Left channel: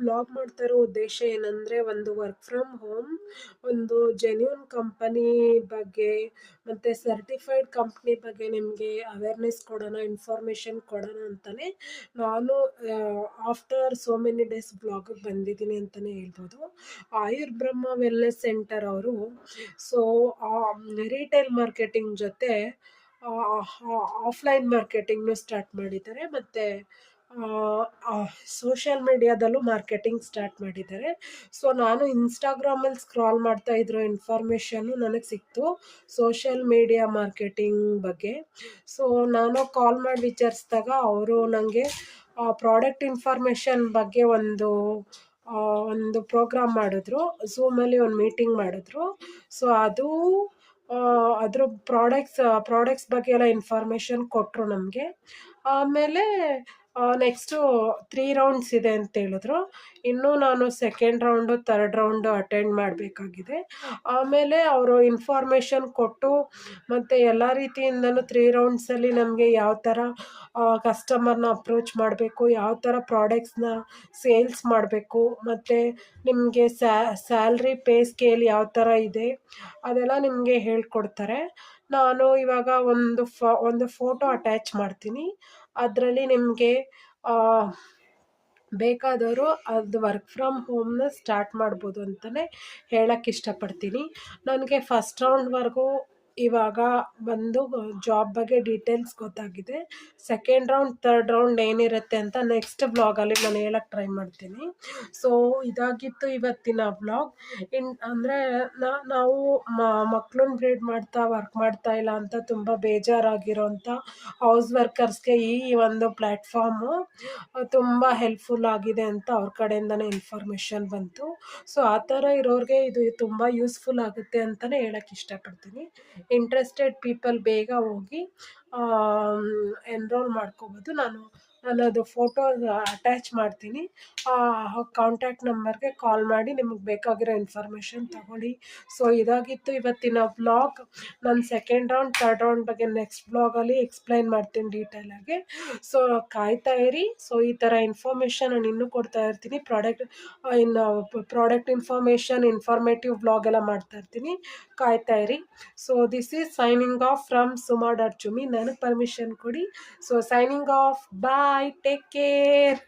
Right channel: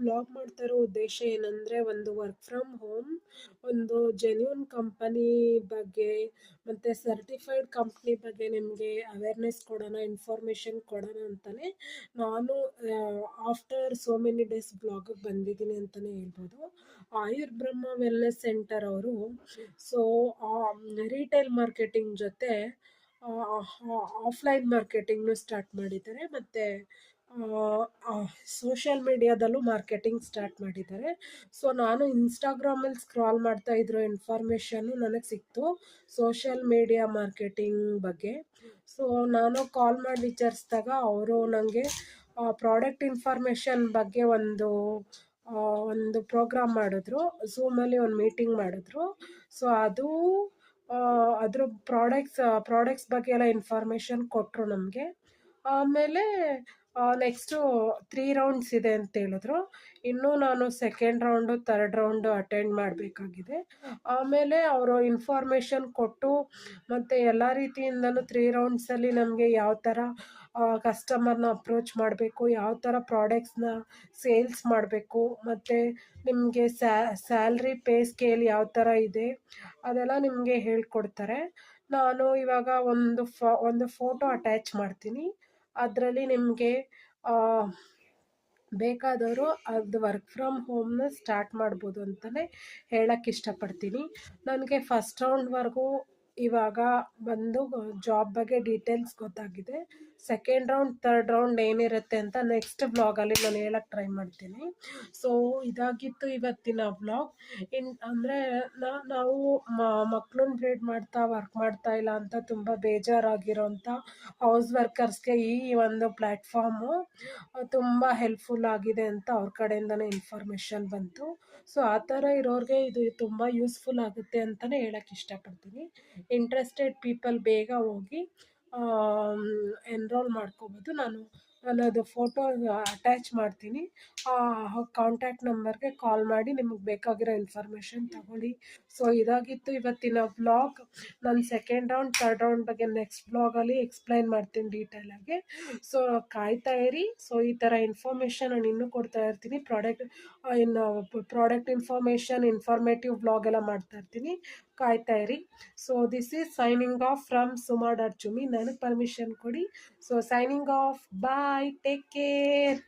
Vlog ಮಾಡ್ತಾ ಇರೋ ಉದ್ದೇಶ ಏನಂದರೆ, ಒಂದು ವರ್ಕ್ ಫ್ರಮ್ ಹೋಮ್, ಒಂದು ಜೆನ್ಯೂನ್ ಕಂಪನಿ ಬಗ್ಗೆ ಮತ್ತು ಸರ್ಟಿಫೈಡ್ ಕಂಪ್ನಿ ಬಗ್ಗೆ ನಿಮಗೆ ಅವೇರ್ನೆಸ್ ಕೊಡೋಣ, ಇನ್ಫಾರ್ಮೇಷನ್ ಕೊಡೋಣ ಅಂತಲೇ ನಾನು ಆಫ್ಟರ್ ಸೋ ಮೆನಿ ಡೇಸ್ ಬ್ಲಾಗಿಗೆ ಬಂದಿದ್ದೀನಿ ಅಂತಲೇ ಹೇಳ್ಬೋದು. ಆಯುರ್ಬ್ರಹ್ಮ ವೆಲ್ನೆಸ್ ಸೆಂಟರ್ ಅವರು ಸೊ ರಿಟೇಲ್ ಮಾರ್ಕೆಟಿಂಗ್ ಜೊತೆ ಆಫ್ಲೈನ್ ಮಾರ್ಕೆಟಿಂಗ್ನು ಸ್ಟಾರ್ಟ್ ಮಾಡಿದ್ದಾರೆ, ಮತ್ತು ಸೋಷಿಯಲ್ ಮೀಡಿಯಾದಲ್ಲೂ ಮಾರ್ಕೆಟಿಂಗ್ ಸ್ಟಾರ್ಟ್ ಮಾಡಿದ್ದಾರೆ. ಸೊ ನಾನು ಇನ್ಸ್ಟಾಗ್ರಾಮಲ್ಲಿ ಸ್ಕ್ರಾಲ್ ಮಾಡ್ತಾ ಇದ್ರೋ ಇನ್ಫಾರ್ಮೇಷನ್ನು ನನಗೆ ಸಿಕ್ತು ಸೋಷಿಯಲ್ ಮೀಡಿಯಾ ಮಾರ್ಕೆಟಿಂಗ್ ಬಗ್ಗೆ. ಸೊ ನಾನು ಕಾಲ್ ಮಾಡಿ ವಿಚಾರಿಸಿದಾಗ ಅವರು ನನಗೆ ಪ್ರಾಡಕ್ಟ್ ಇನ್ಫಾರ್ಮೇಷನ್ ಬಗ್ಗೆ ಒಂದು ಪ್ರೋಗ್ರಾಮ್ ಮಾಡಿದ್ರು, ಝೂಮಲ್ಲಿ ಒಂದು ಮೀಟಿಂಗ್ ಮಾಡಿದ್ರು. ಸೊ ಅದ್ರ ಪ್ರಾಡಕ್ಟ್ಸ್ ಬಗ್ಗೆ ಎಲ್ಲ ಇನ್ಫಾರ್ಮೇಷನ್ ಕೊಟ್ಟರು ನಮಗೆ. ಆಮೇಲೆ ನೆಕ್ಸ್ಟು 3 ರೌಂಡ್ಸ್ ಇದೆ ಅಂತ ಹೇಳಿದ್ರು. ಇನ್ನೂ ನಾನು second round third round attend ಮಾಡಬೇಕಾಗಿದೆ. ಆಮೇಲೆ ಅವರು ಇನ್ಫಾರ್ಮೇಷನ್ ಕೊಟ್ಟು ಮತ್ತು ಎಲ್ಲ ರೀತಿಯಿಂದಲೂ 3 ರೌಂಡ್ಸಲ್ಲಿ ನಮಗೆ ಯಾವ ಥರ ಕಸ್ಟಮರ್ನ ಅಪ್ರೋಚ್ ಮಾಡಬೇಕು, ಯಾವ ಥರ ಪ್ರಾಡಕ್ಟ್ಸ್ನ ಸೇಲ್ಸ್ ಮಾಡಬೇಕು, ಮತ್ತು ನಿಮಗೆ ಸ್ಯಾಲ್ರಿ ಪೇ ಸ್ಕೇಲ್ ಯಾವ ಥರ ಇದೆ ಅದೆಲ್ಲ ನಿಮಗೆ ಹೇಳ್ಕೊಡ್ತಾರೆ. ನಾನು ಇವಾಗ ಒಂದು ಫೋಟೋ ಅಟ್ಯಾಚ್ ಮಾಡ್ತೀನಿ. ಅದರಲ್ಲಿ ನಿಮಗೆ ಬೇಕಾದವರು ಅದು ವರ್ಕ್ ಫ್ರಮ್ ಹೋಮ್ನ ಸ್ಟಾರ್ಟ್ ಮಾಡ್ಬೋದು ಅಂತಲೇ ಹೇಳೋಕ್ಕೆ ಇಷ್ಟಪಡ್ತೀನಿ. ನನಗೆ ಫಸ್ಟ್ ರೌಂಡ್ವರೆಗೂ ಇವಾಗ ಬಂದು ಜಾಬ್ ಬಗ್ಗೆ ಡೀಟೇಲ್ಸ್ ಗೊತ್ತಾಗಿದೆ. ಸೆಕೆಂಡ್ ರೌಂಡ್ ಥರ್ಡ್ ರೌಂಡ್ ಏನಿರುತ್ತೆ ಅಂತ ನೆಕ್ಸ್ಟ್ ವ್ಲಾಗಲ್ಲಿ ನಾನು ಹೇಳೋಕ್ಕೆ ಟ್ರೈ ಮಾಡ್ತೀನಿ. ಸೊ ಇದಾಗಿತ್ತು ಇವತ್ತಿನ ವ್ಲಾಗ್. ಅಂದರೆ ನಾವು ಮಕ್ಕಳನ್ನ ಬ್ರೀಡ್ ಮಾಡ್ತಾ ವರ್ಕ್ ಮಾಡ್ತಾ ಇಲ್ಲ ಅಂತ ತುಂಬ ಬೇಜಾರಾಗಿರೋಂಥ ಹೌಸ್ ವರ್ಕರ್ಸ್ಗೆ ಈ ಒಂದು ಪ್ಲ್ಯಾಟ್ಫಾರ್ಮು ತುಂಬ ಹೆಲ್ಪ್ಫುಲ್ ಆಗಿದೆ ಅಂತ ಅವ್ರ ಕಡೆಯಿಂದನೇ ಇನ್ಫಾರ್ಮೇಷನ್ ಬಂತು. ಸೊ ಆ ಥರ ಇರೋರಿಗೆ ಇದು ತುಂಬ ಯೂಸ್ಫುಲ್ ಆಗುತ್ತೆ ಅಂತಲೇ ಹೇಳೋಕ್ಕೆ ಇಷ್ಟಪಡ್ತೀನಿ. ಇಂಟ್ರೆಸ್ಟೆಡ್ ಪೀಪಲ್ ಬೇಗ ಹೋಗಿ ಎನ್ರೋಲ್ ಮಾಡ್ಕೋಬೋದು. ನಾನು ಅದು ಫೋಟೋ ಅಟ್ಯಾಚ್ ಮಾಡ್ತೀನಿ. ಕಾಂಟ್ಯಾಕ್ಟ್ ನಂಬರ್ಗೆ ಕಾಲ್ ಮಾಡಿ ನಿಮಗೆ ಬೇಕಾಗಿರೋ ಇನ್ಫಾರ್ಮೇಷನ್ ತಗೊಳ್ಳಿ. ಸೊ ಇದಾಗಿತ್ತು ಇವತ್ತಿನ ವ್ಲಾಗ್. ನಾನು ಸೆಕೆಂಡ್ ರೌಂಡ್ ಥರ್ಡ್ ರೌಂಡ್ ಬಗ್ಗೆ ನೆಕ್ಸ್ಟ್ ವ್ಲಾಗಲ್ಲಿ ಎಕ್ಸ್ಪ್ಲೈನ್ ಮಾಡ್ತೀನಿ ಡೀಟೇಲಾಗಿ. ಸೊ ಕಾಯ್ತಾ ಇರಿ. ಸೊ ಈ ಥರ ಇನ್ಫಾರ್ಮೇಷನ್ ನಾನು ಇನ್ನೂ ಕೊಡ್ತಾ ಇರ್ತೀನಿ. ಪ್ರಾಡಕ್ಟ್ ಇನ್ಫಾರ್ಮೇಷನ್, ಇನ್ಫಾರ್ಮೇಟಿವ್ ವ್ಲಾಗ್ ಎಲ್ಲ ಮಾಡ್ತಾ ಇರ್ತೀನಿ, ಕಾಯ್ತಾ ಇರಿ. So this is signing off from Suma dot Jumi. ನನಗೆ ಪರ್ಮಿಷನ್ ಕೊಡಿ. So signing off, bye, take care.